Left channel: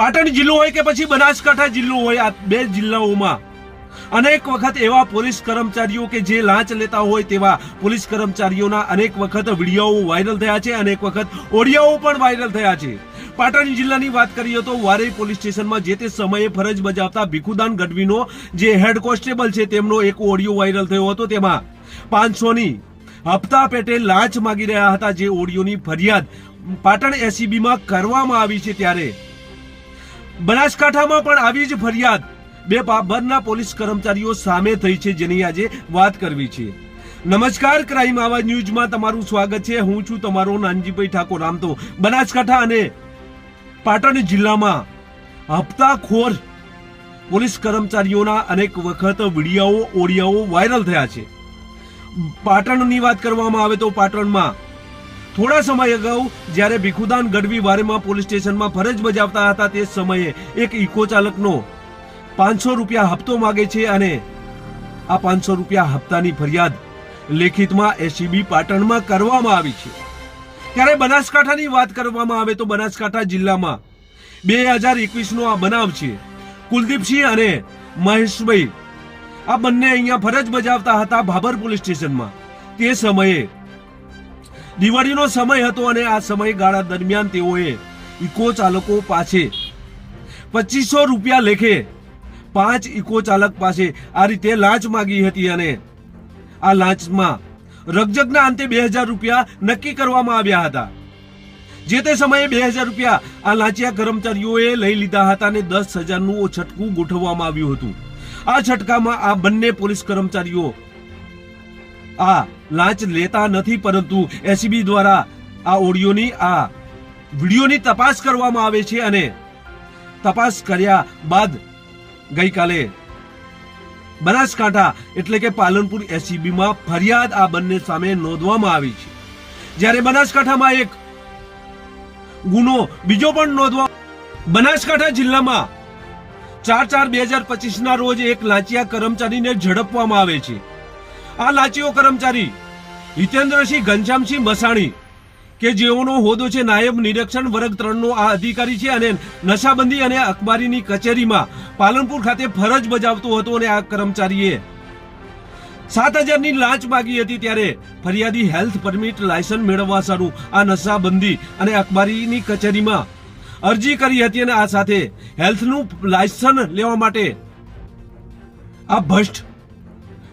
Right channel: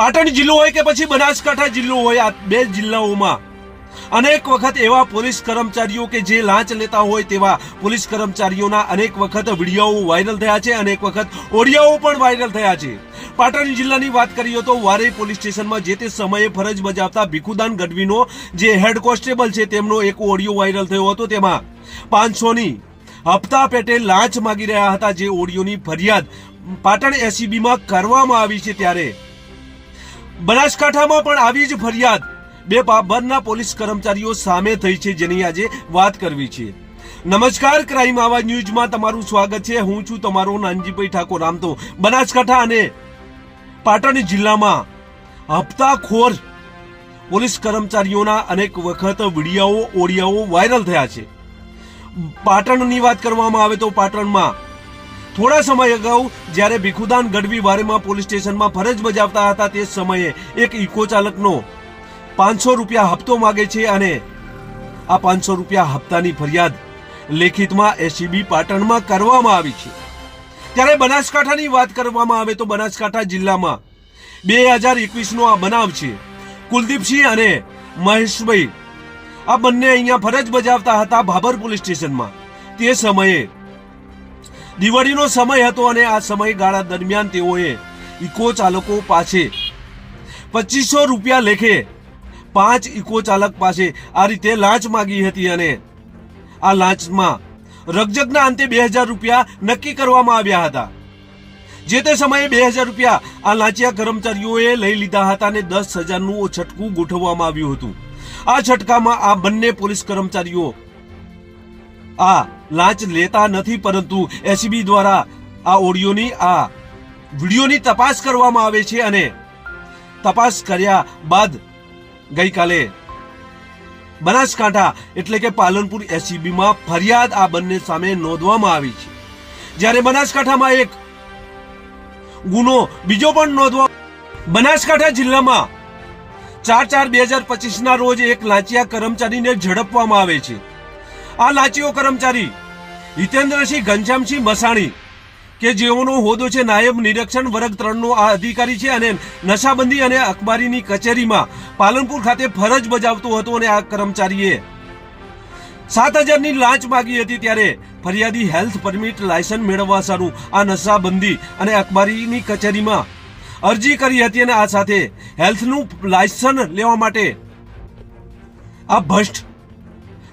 પાટણ જિલ્લો હોય કે પછી બનાસકાંઠા જિલ્લો હોય, આ બે જિલ્લાઓમાં અનેક વખત એવા પોલીસ કર્મચારીઓ કે જે લાંચ લેતા હોય તેવા પોલીસ કર્મચારીઓના અનેક વખત વિડીયો વાયરલ થયા છે, અનેક વખત ઓડિયોઓ પણ વાયરલ થયા છે. પાટણ જિલ્લાની વાત કરીએ તો વારઈ પોલીસ સ્ટેશનમાં જે તે સમયે ફરજ બજાવતા ભીખુદાન ગઢવીનો જે હેડ કોન્સ્ટેબલ છે તેમનો એક ઓડિયો વાયરલ થયો હતો. તેમાં 500ની હપ્તા પેટે લાંચ માંગી રહ્યા હતા, જે ઓડિયોની ફરિયાદ પાટણ એસીબીમાં કરવામાં આવી છે. ત્યારે બનાસકાંઠામાં પણ આવી જ ફરિયાદ બે બાબરના પોલીસ કર્મચારીઓ સામે થઈ છે, જેની આજે વાત કરવી છે. નમસ્કાર, ક્રાઇમ આવાજ ન્યૂઝમાં તમારું સ્વાગત છે. હું છું તમારો નાનજીભાઈ ઠાકોર. આમ તો બનાસકાંઠા અને પાટણ જિલ્લામાં હપ્તાખોર પોલીસ કર્મચારીઓના અનેક વખત વિડીયો ઓડિયોઓ વાયરલ થયા છે. પાટણની વાત કરવામાં આવે તો પાટણમાં થોડા સમય અગાઉ જ્યારે ભીખુદાન ગઢવી વારેમાં પોલીસ સ્ટેશનમાં ફરજ બજાવતા હતા તે સમયે એક ઇકો ચાલકનો 500 રૂપિયા હપ્તો માગે છે અને આ 500 રૂપિયા હપ્તાની ફરિયાદ લેખિતમાં એસીબી પાટણમાં કરવામાં આવી છે. ત્યારે બનાસકાંઠાની વાત કરવામાં આવે તો બનાસકાંઠા જિલ્લામાં 2021નો આ બનાવ છે. કુલદીપસિંહ અને મહેશભાઈ આ બંને અહીંયા ફરજ બજાવતા હતા ભાભર પોલીસ સ્ટેશનમાં. તે સમયે દિવાળીનો સમય હતો અને આ સમયગાળા દરમિયાન તેઓએ ઇકો ચાલકો પાસે 2500 રૂપિયા લેખે 5 ઇકો ચાલક પાસે આ રીતે લાંચ માંગી હતી અને આ લાંચમાં રકજકના અંતે 2000 રૂપિયા નક્કી કરવામાં આવ્યા હતા. જે તે સમયે 2000 રૂપિયા આ લાંચિયા કર્મચારીઓએ લઈ લીધા હતા અને 10,000નું છટકું ગોઠવવામાં આવ્યું હતું. આ છટકામાં આ બંને પોલીસ કર્મચારીઓ આ લાંચ લેતા નથી, પરંતુ એસીબી દ્વારા આ ઓડિયોની આ વિડીયોની તપાસ કરવામાં આવે છે અને તપાસ કર્યા બાદ ગઈકાલે બનાસકાંઠા એટલે કે પાલનપુર એસીબીમાં ફરિયાદ આ બંને સામે નોંધવામાં આવી છે. જ્યારે બનાસકાંઠામાં એક ગુનો બીજો પણ નોંધવા બનાસકાંઠા જિલ્લામાં 4/4/2025ના રોજ એક લાંચિયા કર્મચારીને ઝડપવામાં આવે છે. આ લાંચિયો કર્મચારી હિતેન્દ્રસિંહ ઘનશ્યામસિંહ મસાણી કે જેઓનો હોદ્દો છે નાયબ નિરીક્ષણ વર્ગ 3નો આ અધિકારી છે અને નશાબંધી અને અખબારીની કચેરીમાં પાલનપુર ખાતે ફરજ બજાવતો હતો અને આ કર્મચારીએ 7,000ની લાંચ માંગી હતી. ત્યારે ફરિયાદી હેલ્થ પરમિટ લાયસન્સ મેળવવા સારું આ નશાબંધી અને અખબારીની કચેરીમાં અરજી કરી હતી અને આ સાથે હેલ્થનું લાયસન્સ લેવા માટે આ ભ્રષ્ટ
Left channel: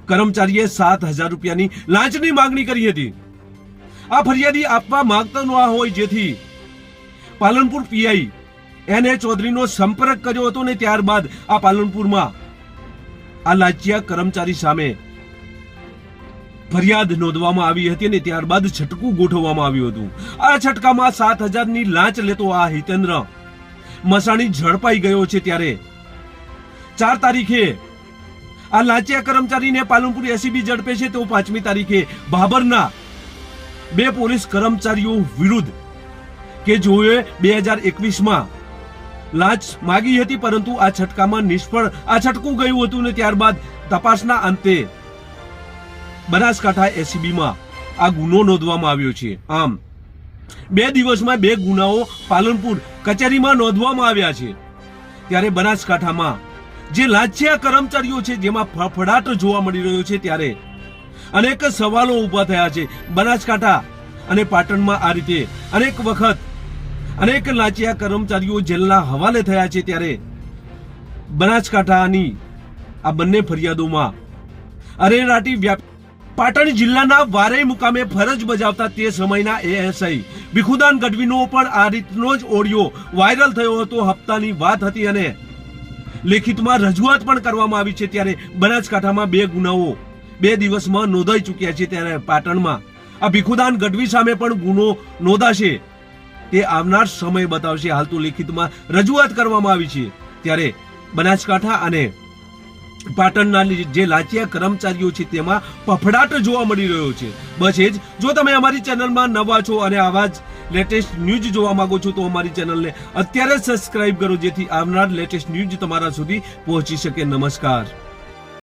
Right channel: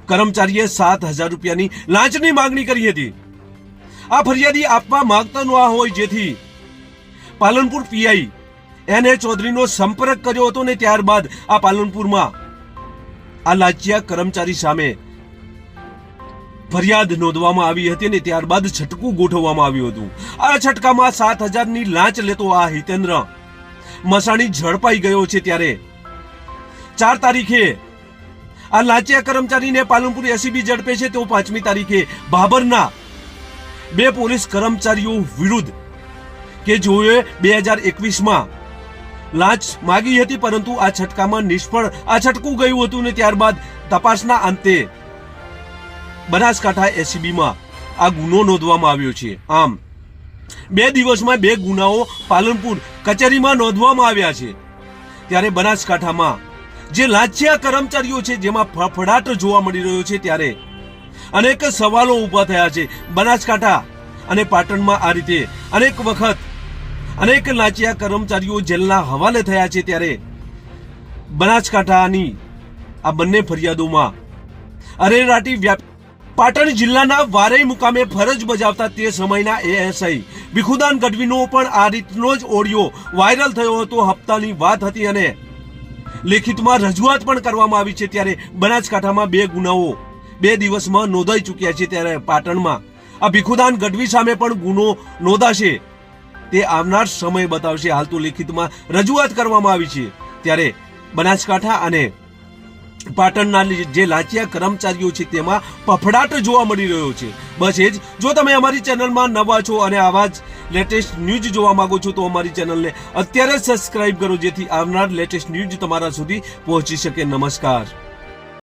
કર્મચારીએ 7,000 રૂપિયાની લાંચની માંગણી કરી હતી. આ ફરિયાદી આપવા માંગતા ન હોય, જેથી પાલનપુર પીઆઈ NA ચૌધરીનો સંપર્ક કર્યો હતો ને ત્યારબાદ આ પાલનપુરમાં આ લાંચિયા કર્મચારી સામે ફરિયાદ નોંધવામાં આવી હતી અને ત્યારબાદ છટકું ગોઠવવામાં આવ્યું હતું. આ છટકામાં 7,000ની લાંચ લેતો આ હિતેન્દ્ર મસાણી ઝડપાઈ ગયો છે. ત્યારે 4 તારીખે આ લાંચિયા કર્મચારીને પાલનપુર એસીબી ઝડપે છે તો 5મી તારીખે ભાભરના 2 પોલીસ કર્મચારીઓ વિરુદ્ધ કે જેઓએ 2021માં લાંચ માગી હતી, પરંતુ આ છટકામાં નિષ્ફળ આ છટકું ગયું હતું ને ત્યારબાદ તપાસના અંતે બનાસકાંઠા એસીબીમાં આ ગુનો નોંધવામાં આવ્યો છે. આમ 2 દિવસમાં 2 ગુનાઓ પાલનપુર કચેરીમાં નોંધવામાં આવ્યા છે. ત્યારે બનાસકાંઠામાં જે લાંચિયા કર્મચારીઓ છે જેમાં ફફડાટ જોવા મળી રહ્યો છે, ત્યારે અનેક સવાલો ઉભા થયા છે. બનાસકાંઠા અને પાટણમાં આ રીતે અનેક વખત અનેક લાંચિયા કર્મચારીઓ જેલના હવાલે થયા છે. ત્યારે બનાસકાંઠાની આ બંને ફરિયાદોમાં અરેરાટી પાટણ જિલ્લાના વારઈ મુકામે ફરજ બજાવતા તે સમયના એએસઆઈ ભીખુદાન ગઢવીનો પણ આ રીતનો જ ઓડિયો વાયરલ થયો હતો. હપ્તાની વાત હતી અને લેખિતમાં રજૂઆત પણ કરવામાં આવી છે. ત્યારે બનાસકાંઠામાં 2 ગુનાઓ 2 દિવસમાં નોંધાઈ ચૂક્યા છે. ત્યારે પાટણમાં આ ભીખુદાન ગઢવી સામે પણ ગુનો નોંધાશે તે આવનાર સમય બતાવશે. હાલ તો લેખિતમાં રજૂઆત કરવામાં આવી છે. ત્યારે બનાસકાંઠા અને પાટણના જે લાંચિયા કર્મચારીઓ છે તેમાં ફફડાટ જોવા મળી રહ્યો છે. બસ એ જ. જો તમે અમારી ચેનલમાં નવા છો અને આવા જ લેટેસ્ટ ન્યૂઝ જોવા માંગો છો તો અમારી ચેનલને અત્યારે સબસ્ક્રાઇબ કરો, જેથી આવનાર લેટેસ્ટ ન્યૂઝ તમારા સુધી પહોંચી શકે. નમસ્કાર.